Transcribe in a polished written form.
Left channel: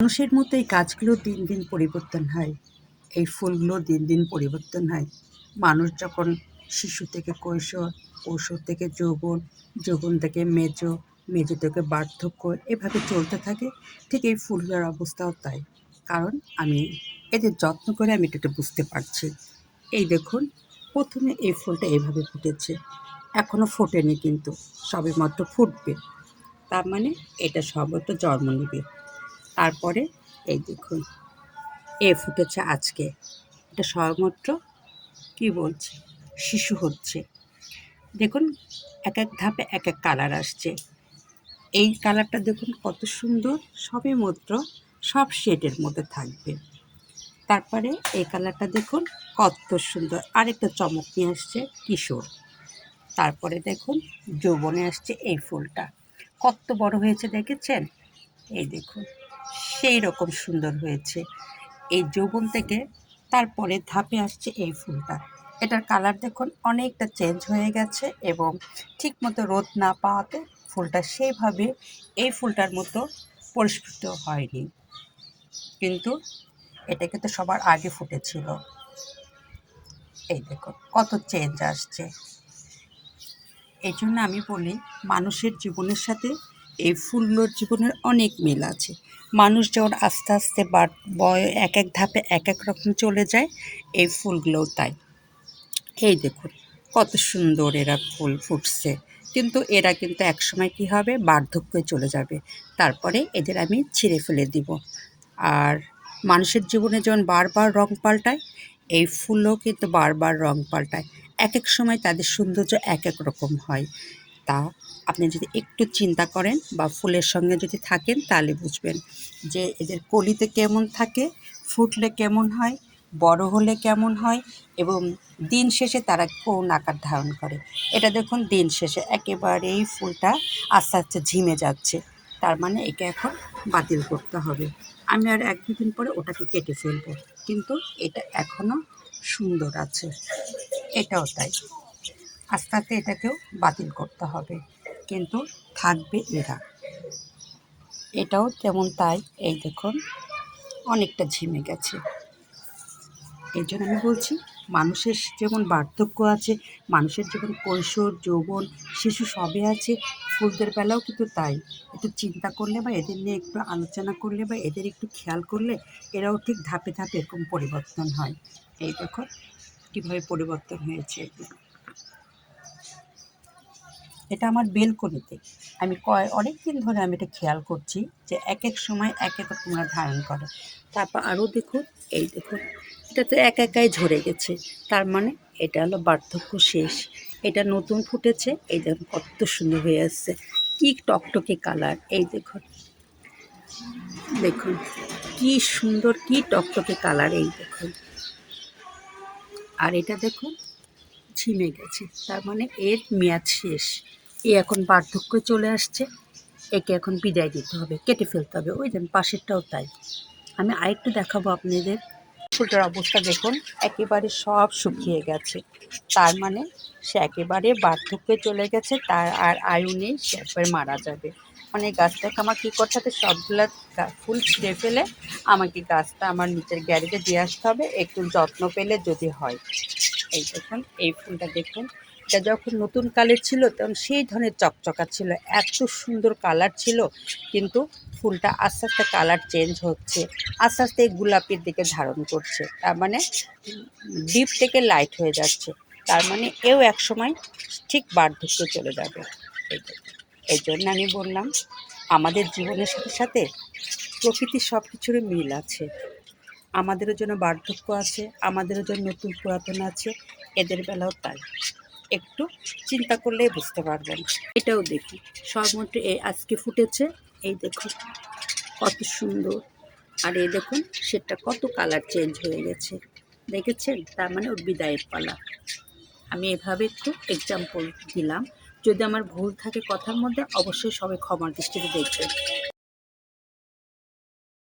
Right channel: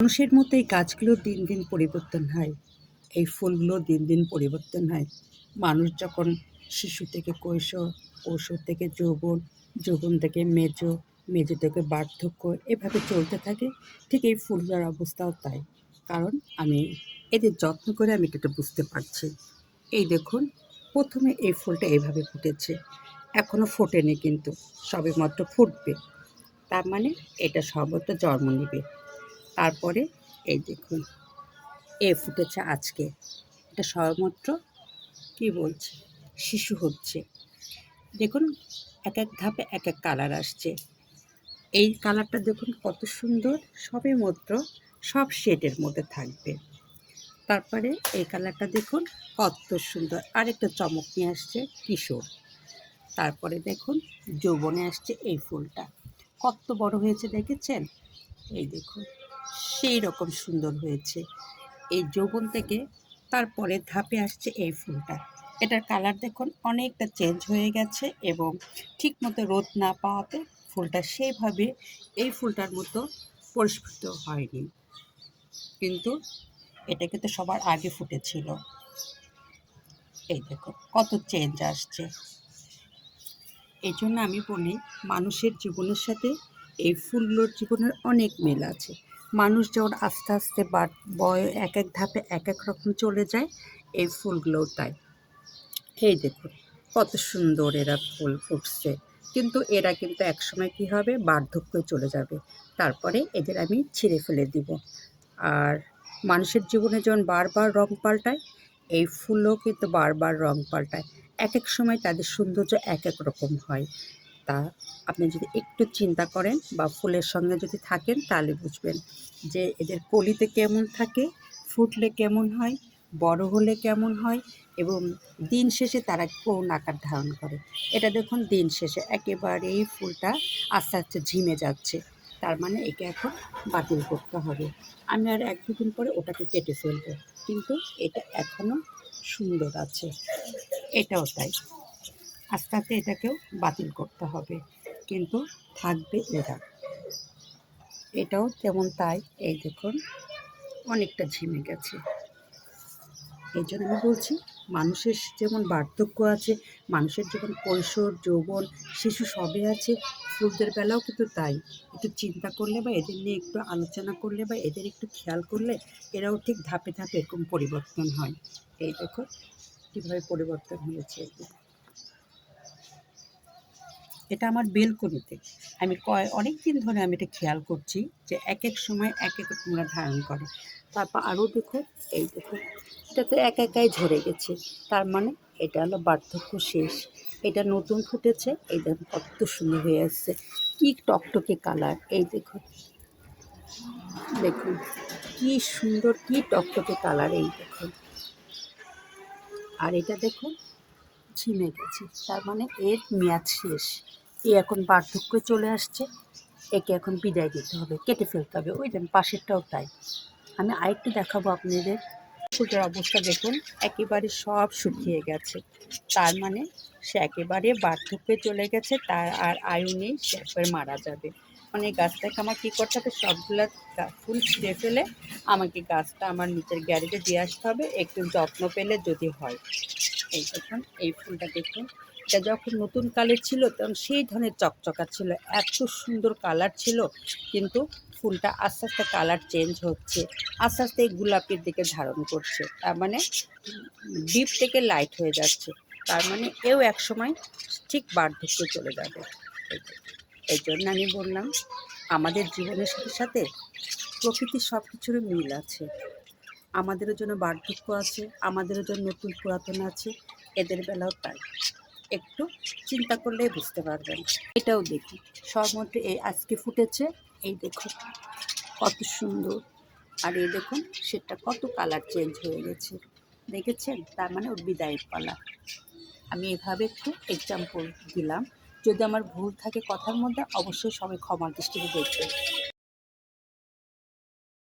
মানুষের মতো এই গাছগুলো দিন দিন পরিবর্তন হয়, এই ফুলগুলো দিন দিন পরিবর্তন হয়। মানুষ যখন শিশু থেকে কৈশোর, কৈশোর থেকে যৌবন, যৌবন থেকে মেজো, মেজো থেকে বার্ধক্য, এভাবে চলতে থাকে। ঠিক এই ফুলগুলোর অবস্থাও তাই। কারণ আমি এদের যত্ন করে আমি এটা বুঝতে পারছি। এই দেখুন, প্রথমে এই ফুলটা এভাবে ফুটেছে, এখনও ফোটেনি কিন্তু সবেমাত্র ফুটবে। তার মানে এটা সবেমাত্র জন্ম নেবে। তারপরে এই দেখুন, ফুটেছে আজকে। এটা সবেমাত্র কী বলছি, শিশু হচ্ছে। দেখুন, এক এক ধাপে এক এক কালার আসছে। এই কালারটা দেখুন কত সুন্দর, সবেমাত্র সব শেডের মধ্যে থাকবে। তারপরে এই কালারটা দেখুন কত সুন্দর, আরেকটা চমক নিয়ে আসছে কিশোর। তারপরে দেখুন যৌবনে আসছে এই ফুলটা, কত বড় হয়েছে দেখেছেন? এই দেখুন, সেই রকম সুন্দর হয়েছে। এই যৌবন থেকে তারপরে ধাপে আসছে এই ফুলটা। এটার কালার দেখুন অনেকটা চেঞ্জ হয়ে গেছে এবং ঠিকমতো রোদ না পাওয়াতে ফুলটা সেইভাবে এই ফুলটার মতো পরিস্ফুট হয়নি, কিন্তু এটা কিন্তু সবার আগে ফুটেছিল। এই দেখুন কত চেঞ্জ আসছে। এই জন্য আমি বলি, মানুষের জীবনের সাথে এই ফুলগুলোর জীবনের অনেক মিল আছে। মানুষ যেমন আস্তে আস্তে এক এক ধাপে এক এক রকম চলে যায়, এই ফুলগুলোও তাই। এই দেখুন কত সুন্দর এরা ফুল ফুটছে, কিন্তু এরা কিন্তু একসময় কী হবে, বার্ধক্যে চলে যাবে। তারপরে এদের আমি ছিঁড়ে ফেলে দিব। আর মানুষের জীবনে যেমন বারবার রং পাল্টায়, এই ফুলও কিন্তু বারবার রং পাল্টায়। এক এক সময় তাদের সৌন্দর্য এক এক রকম হয়। তা আপনি যদি একটু চিন্তা করেন বা ফুলের সঙ্গে যদি থাকেন, তাহলে বুঝবেন যে এদের কলিতে কেমন থাকে, ফুটলে কেমন হয়, বড় হলে কেমন হয় এবং দিন শেষে তারা কোন আকার ধারণ করে। এটা দেখুন দিন শেষে একেবারেই ফুলটা আস্তে আস্তে ঝিমে যাচ্ছে। তার মানে একে এখন বাতিল করতে হবে। আমি আর ১-২ দিন পরে ওটাকে কেটে ফেলবো, কিন্তু এটা এখনও সুন্দর আছে। এটাও তাই, আস্তে আস্তে এটাকেও বাতিল করতে হবে, কিন্তু থাকবে এরা। এটাও তেমন তাই। এই দেখুন অনেকটা ঝিমে গেছে। এই জন্য আমি বলছি, মানুষের যেমন বার্ধক্য আছে, মানুষের যেমন কৈশোর, যৌবন, শিশু সবই আছে, ফুলদের বেলাও কিন্তু তাই। একটু চিন্তা করলে বা এদের নিয়ে একটু আলোচনা করলে বা এদের একটু খেয়াল করলে এরাও ঠিক ধাপে ধাপে এরকম পরিবর্তন হয়। এই দেখুন কীভাবে পরিবর্তন হয়েছে। এটা আমার বেলকনিতে। আমি অনেক দিন ধরে আমি এটা খেয়াল করছি যে এক এক সময় এক এক রকম ওরা ধারণ করে। তারপর আরও দেখুন, এই দেখুন এটা তো একাই ঝরে গেছে। তার মানে এটা হলো বার্ধক্য শেষ। এটা নতুন ফুটেছে, এই দেখুন কত সুন্দর হয়ে আসছে, কী টকটকে কালার। এই দেখুন, দেখুন কী সুন্দর, কী টকটকে কালার। এই দেখুন, আর এটা দেখুন ঝিমে গেছে, তার মানে এর মেয়াদ শেষ। এ এখন বার্ধক্যে চলে আসছে, একে এখন বিদায় দিতে হবে, কেটে ফেলতে হবে। ওই দেন পাশেরটাও তাই। আমি আরেকটু দেখাবো আপনাদের। ফুলটার অবস্থা দেখুন, একেবারে সব শুকিয়ে গেছে। তার মানে সে একেবারে বার্ধক্যে চলে গেছে, তার আর আয়ু নেই, সে একবারে মারা যাবে। মানে গাছটাকে আমার কী করতে হবে, সবগুলো ফুল ছিঁড়ে ফেলে আমাকে গাছটা আমার নিচের গ্যারেজে দিয়ে আসতে হবে, একটু যত্ন পেলে যদি হয়। এই দেখুন, এই ফুলটা দেখুন, এটা যখন নতুন কালের ছিল তখন সেই ধরনের চকচকা ছিল, এত সুন্দর কালার ছিল, কিন্তু ফুলটা আস্তে আস্তে কালার চেঞ্জ হচ্ছে, আস্তে আস্তে গোলাপির দিকে ধারণ করছে। তার মানে ডিপ থেকে লাইট হয়ে যাচ্ছে। তার মানে এও এক সময় ঠিক বার্ধক্যে চলে যাবে। এই জন্য আমি বললাম, আমাদের জীবনের সাথে সাথে প্রকৃতির সব কিছুরই মিল আছে। আমাদেরও জন্য বার্ধক্য আছে, আমাদেরও জন্য নতুন পুরাতন আছে, এদের বেলাও তাই। একটু চিন্তা করলেই বুঝতে পারবেন। এটাও দেখি সবেমাত্র আজকে ফুটেছে, এই দেখুন কত সুন্দর। আর এই দেখুন সেটা কত কালার চেঞ্জ হয়ে গেছে, দেখেছেন? তার মানে ওর বিদায়ের পালা। আমি এভাবে একটু এক্সাম্পল দিলাম। যদি আমার ভুল থাকে কথার মধ্যে, অবশ্যই সবাই ক্ষমার দৃষ্টিতে দেখবেন।